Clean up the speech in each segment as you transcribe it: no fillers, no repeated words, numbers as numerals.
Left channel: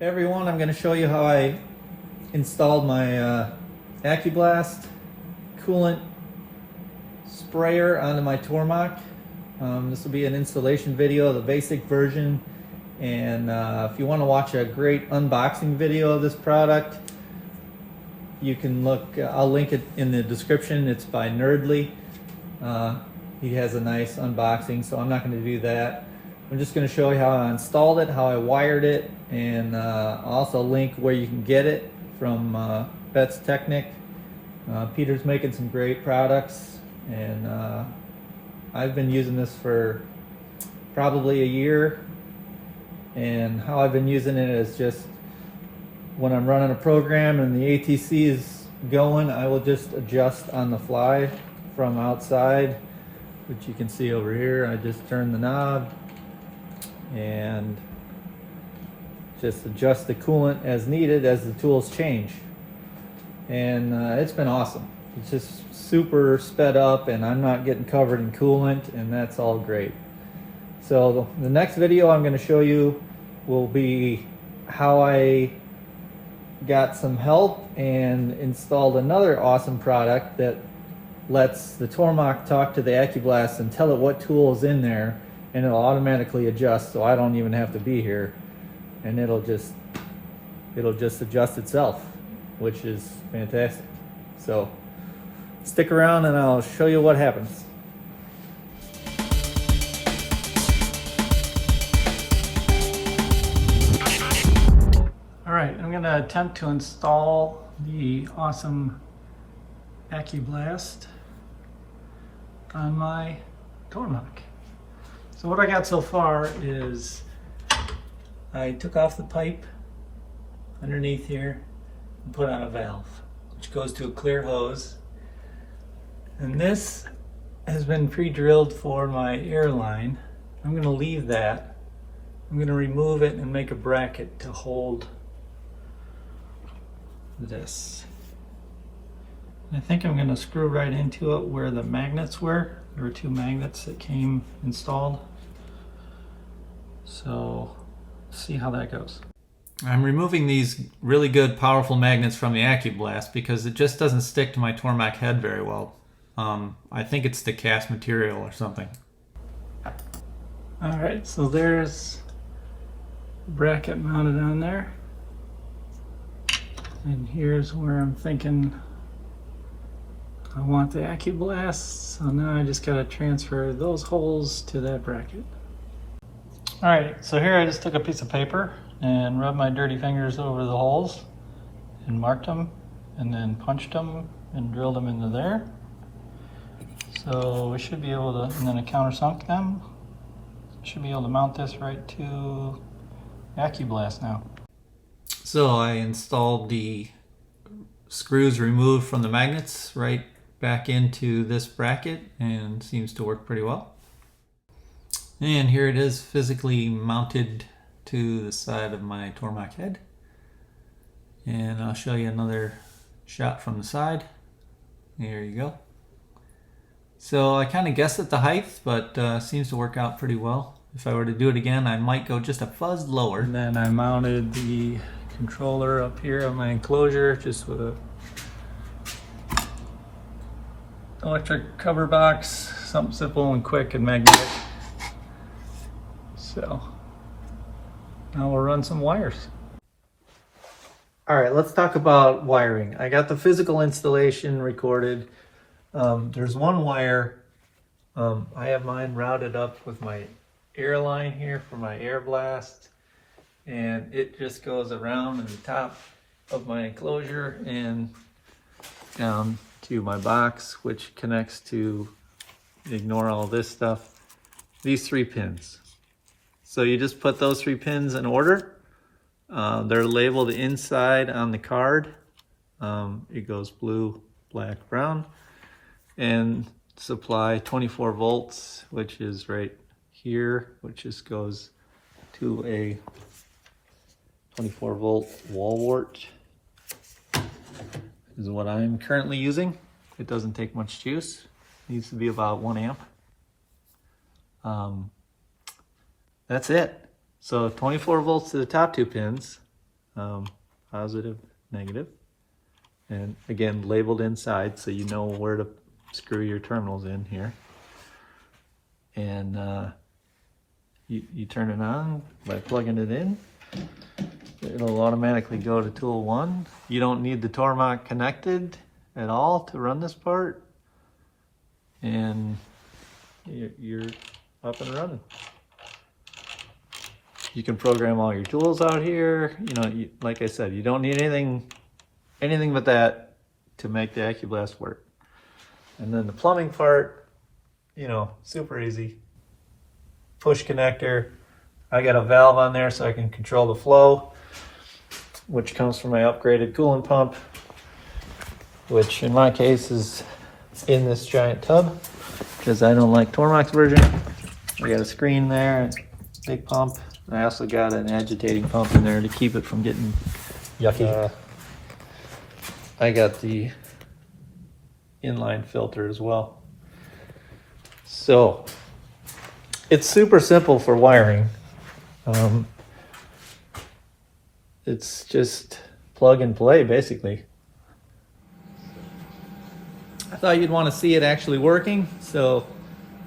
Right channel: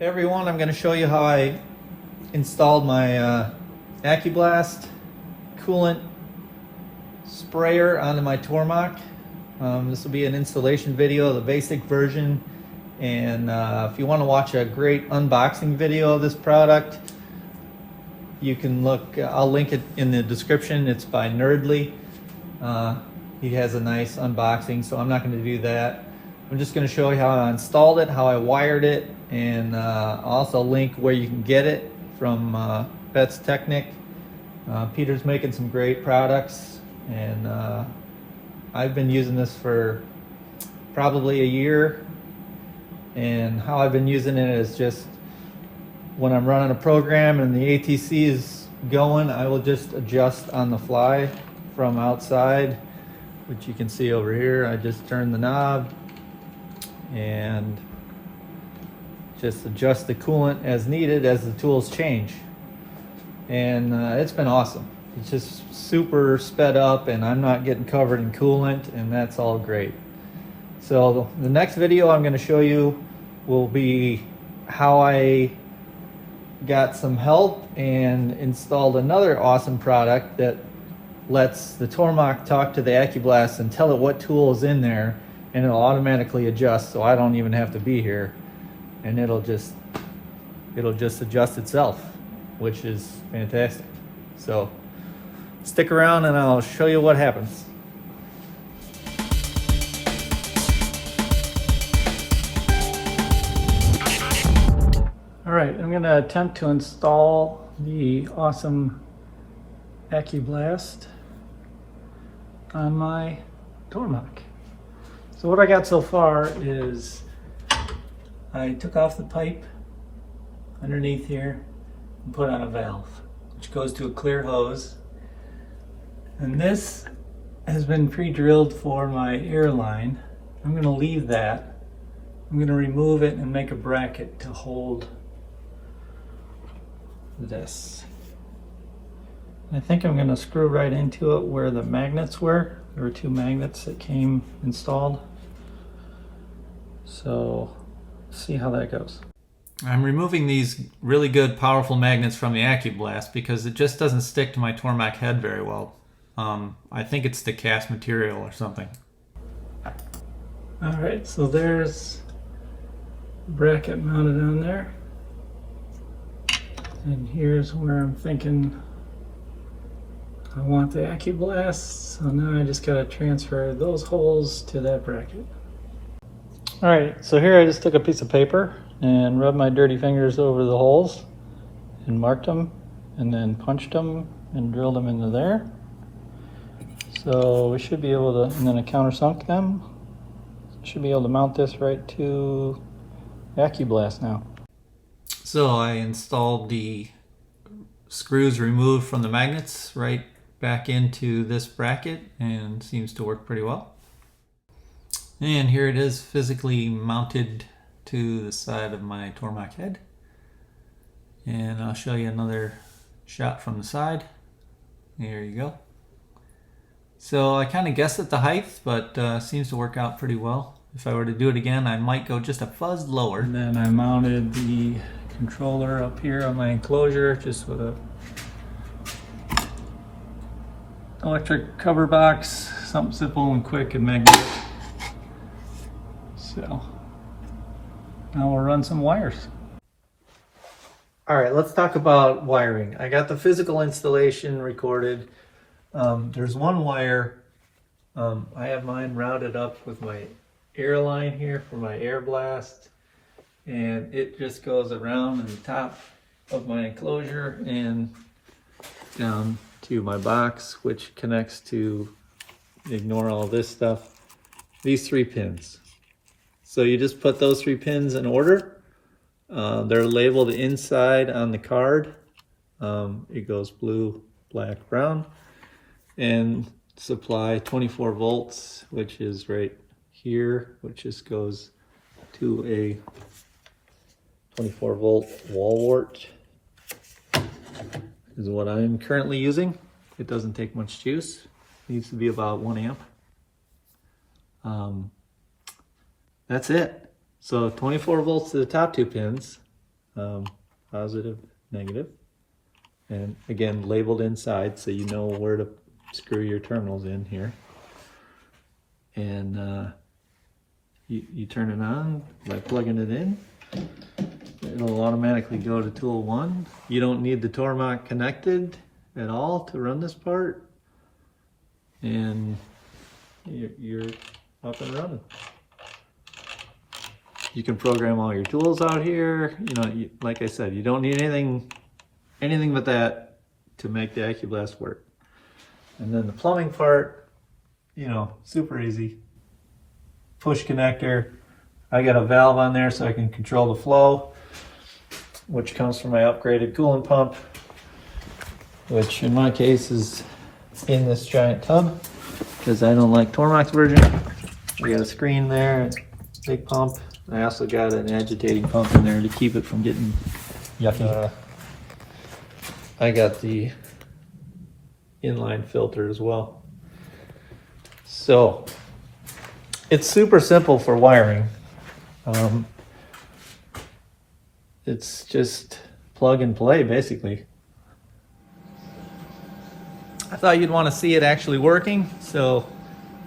Hey everyone, I'm going to show you how I installed my Accublast coolant sprayer onto my Tormach. This will be an installation video, the basic version, and if you want to watch a great unboxing video of this product, you can look, I'll link it in the description. It's by Nerdly. He has a nice unboxing, so I'm not going to do that. I'm just going to show you how I installed it, how I wired it, and I'll also link where you can get it from Bet's Technic. Peter's making some great products, and I've been using this for probably a year. And how I've been using it is just when I'm running a program and the ATC is going, I will just adjust on the fly from outside, which you can see over here. I just turn the knob and just adjust the coolant as needed as the tools change. And it's been awesome. It's just super sped up and I'm not getting covered in coolant, and that's all great. So the next video I'm going to show you will be how I got some help and installed another awesome product that lets the Tormach talk to the Accublast and tell it what tool is in there, and it'll automatically adjust, so I don't even have to be here, and it'll just adjust itself, which is fantastic. So stick around and I'll show you what happens. All right, I'm going to attempt to install the awesome Accublast on my Tormach. So what I got so far is I took off the pipe underneath here and put on a valve, which goes to a clear hose. And this has been pre-drilled for my air line. I'm going to leave that. I'm going to remove it and make a bracket to hold this. And I think I'm going to screw right into it where the magnets were. There were two magnets that came installed. So let's see how that goes. I'm removing these really good powerful magnets from the Accublast because it just doesn't stick to my Tormach head very well. I think it's the cast material or something. Alright, so there's the bracket mounted on there. And here's where I'm thinking I want the Accublast, so now I just gotta transfer those holes to that bracket. Alright, so here I just took a piece of paper and rubbed my dirty fingers over the holes and marked them and then punched them and drilled them into there. So we should be able to, and then I countersunk them. Should be able to mount this right to Accublast now. So I installed the screws removed from the magnets right back into this bracket, and seems to work pretty well. And here it is physically mounted to the side of my Tormach head. And I'll show you another shot from the side. There you go. So I kind of guessed at the height, but seems to work out pretty well. If I were to do it again, I might go just a fuzz lower. And then I mounted the controller up here on my enclosure just with a electric cover box, something simple and quick and magnetic. So now we'll run some wires. All right, let's talk about wiring. I got the physical installation recorded. There's one wire. I have mine routed up with my air line here for my air blast, and it just goes around in the top of my enclosure and down to my box, which connects to, ignore all this stuff, these 3 pins. So you just put those 3 pins in order. They're labeled inside on the card. It goes blue, black, brown, and supply 24 volts, which is right here, which just goes to a 24 volt wall wart, is what I'm currently using. It doesn't take much juice. It needs to be about 1 amp. That's it. So 24 volts to the top 2 pins, positive, negative. And again, labeled inside so you know where to screw your terminals in here. And you turn it on by plugging it in. It'll automatically go to tool 1. You don't need the Tormach connected at all to run this part. And you're up and running. You can program all your tools out here. You know, like I said, you don't need anything but that to make the Accublast work. And then the plumbing part, you know, super easy. Push connector. I got a valve on there so I can control the flow, which comes from my upgraded coolant pump, which in my case is in this giant tub because I don't like Tormach's version. I got a screen there, big pump. I also got an agitating pump in there to keep it from getting yucky. I got the inline filter as well. So it's super simple for wiring. It's just plug and play basically. I thought you'd want to see it actually working, so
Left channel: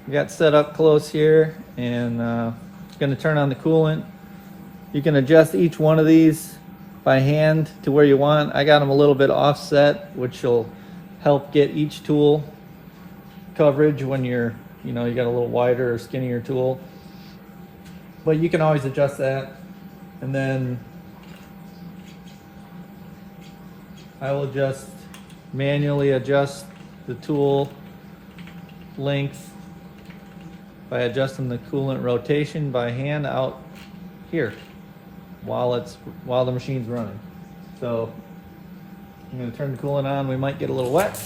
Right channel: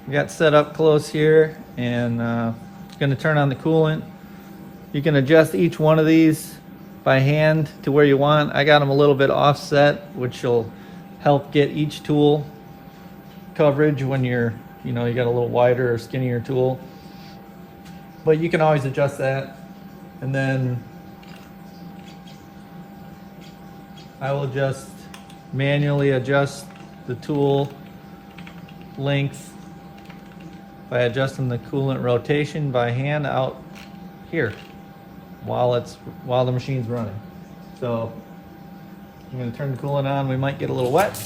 I got set up close here, and going to turn on the coolant. You can adjust each one of these by hand to where you want. I got them a little bit offset, which will help get each tool coverage when you got a little wider or skinnier tool. But you can always adjust that. And then I will just manually adjust the tool length by adjusting the coolant rotation by hand out here while the machine's running. So I'm going to turn the coolant on. We might get a little wet.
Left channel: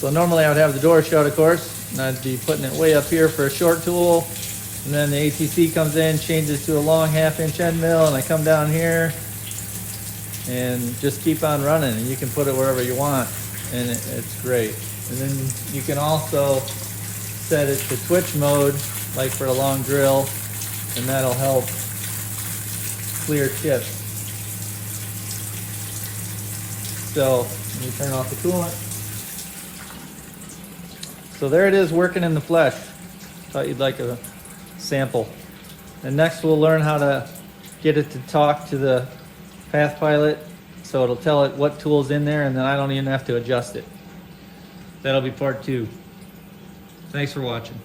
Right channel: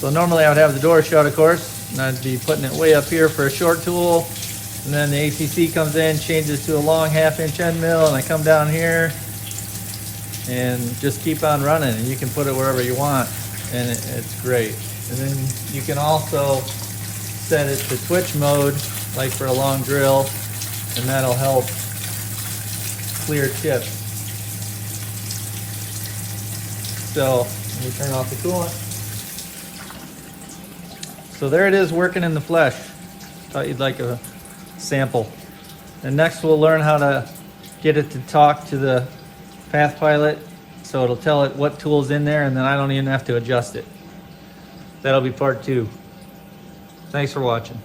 So normally I would have the door shut, of course, and I'd be putting it way up here for a short tool, and then the ACC comes in, changes to a long 1/2-inch end mill, and I come down here and just keep on running. And you can put it wherever you want, and it's great. And then you can also set it to switch mode, like for a long drill, and that'll help clear chips. So you turn off the coolant. So there it is, working in the flesh. Thought you'd like a sample. And next we'll learn how to get it to talk to the Path Pilot, so it'll tell it what tool's in there, and then I don't even have to adjust it. That'll be part 2. Thanks for watching.